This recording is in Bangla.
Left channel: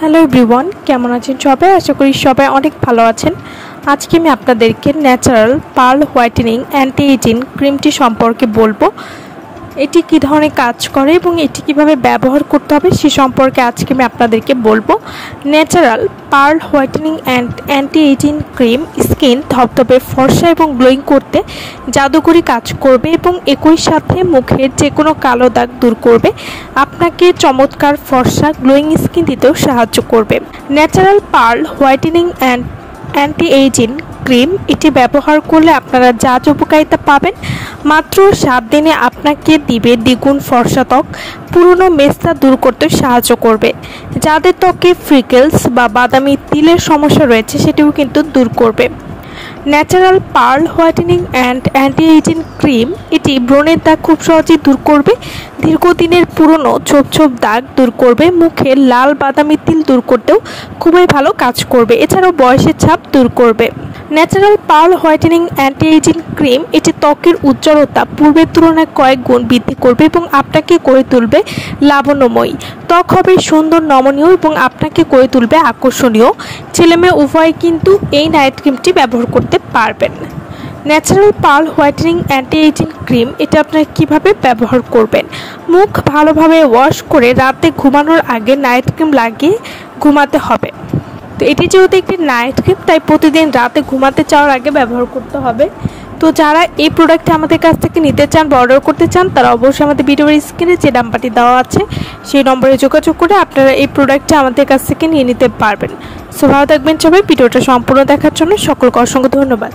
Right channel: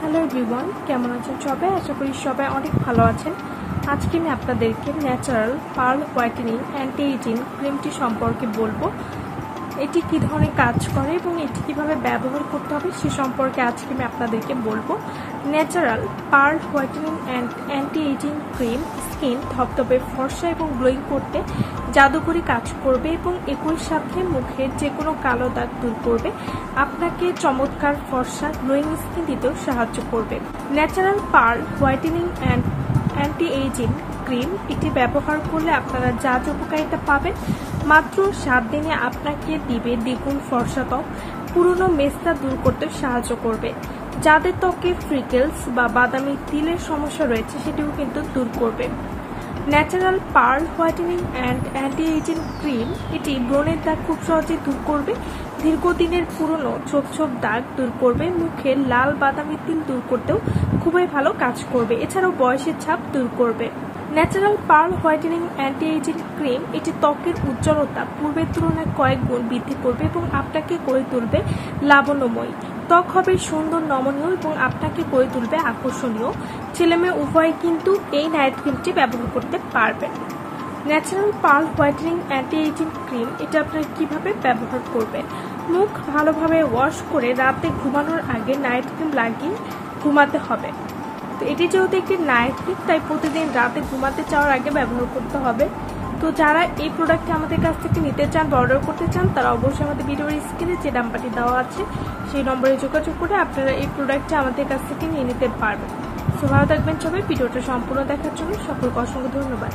হ্যালো এভরিওয়ান, কেমন আছেন সবাই? আশা করি সবাই অনেক ভালো আছেন। আজকে আমি আপনাদেরকে natural pearl whitening anti aging ক্রিমটি সম্পর্কে বলবো। এটি কী ধরনের কাজ করে এবং এটি কিভাবে ব্যবহার করতে হবে সে সম্পর্কে আজকে আমি আপনাদেরকে বলবো। Natural pearl whitening anti ageing cream skin ধবধবে ফর্সা এবং গ্লোয়িং করতে জাদুকরি কাজ করবে এবং একই সাথে মুখের যে কোনো কালো দাগ দূর করবে, আপনাকে চমৎকার ফর্সা গ্লোয়িং স্কিন দিতেও সাহায্য করবে। Natural pearl whitening anti ageing cream এটি ব্যবহার করলে আপনারা যা উপকারিতা পাবেন, মাত্র 7 দিনে আপনাকে দিবে দ্বিগুণ ফর্সা ত্বক, পুরনো মেস্তা দূর করতে সাহায্য করবে। যাদের ত্বকে ফ্রিকেলস বা বাদামি তিলের সমস্যা রয়েছে সেটিও কিন্তু দূর করবে। Natural pearl whitening anti ageing cream এটি ব্রণের দাগ খুব সহজেই দূর করবে, দীর্ঘদিনের পুরনো ছোপ ছোপ দাগ দূর করবে, মুখের লাল বাদামি তিল দূর করতেও খুবই ভালো কাজ করবে, এছাড়াও বয়সের ছাপ দূর করবে। Natural pearl whitening anti ageing cream এটি ত্বকের উজ্জ্বলতা পূর্বের তুলনায় কয়েক গুণ বৃদ্ধি করবে এবং আপনাকে করে তুলবে লাবণ্যময়ী। ত্বক হবে সুন্দর, নমনীয় এবং আপনাকে করে তুলবে আকর্ষণীয়। ছেলেমেয়ে উভয় কিন্তু এই নাইট ক্রিমটি ব্যবহার করতে পারবেন। Natural pearl whitening anti ageing cream এটা আপনারা কীভাবে ব্যবহার করবেন? মুখ ভালোভাবে ওয়াশ করে রাতে ঘুমানোর আগে নাইট ক্রিম লাগিয়ে ঘুমাতে হবে। তো এটি যেহেতু একটি নাইট ক্রিম, তাই প্রতিদিন রাতে ঘুমাতে যাওয়ার আগে ব্যবহার করতে হবে। তো যারা এই প্রোডাক্টটি আমাদের কাছ থেকে নিতে চান বা অর্ডার করতে চান, তারা অবশ্যই আমাদের ভিডিওর স্ক্রিনে যে নাম্বারটি দেওয়া আছে সেই নম্বরে যোগাযোগ করে আপনারা এই প্রোডাক্টটি আমাদের কাছ থেকে নিয়ে নিতে পারবেন। সো ভালো থাকবেন সবাই। ভিডিওটা সম্পূর্ণ দেখার জন্য সকলকে অসংখ্য ধন্যবাদ।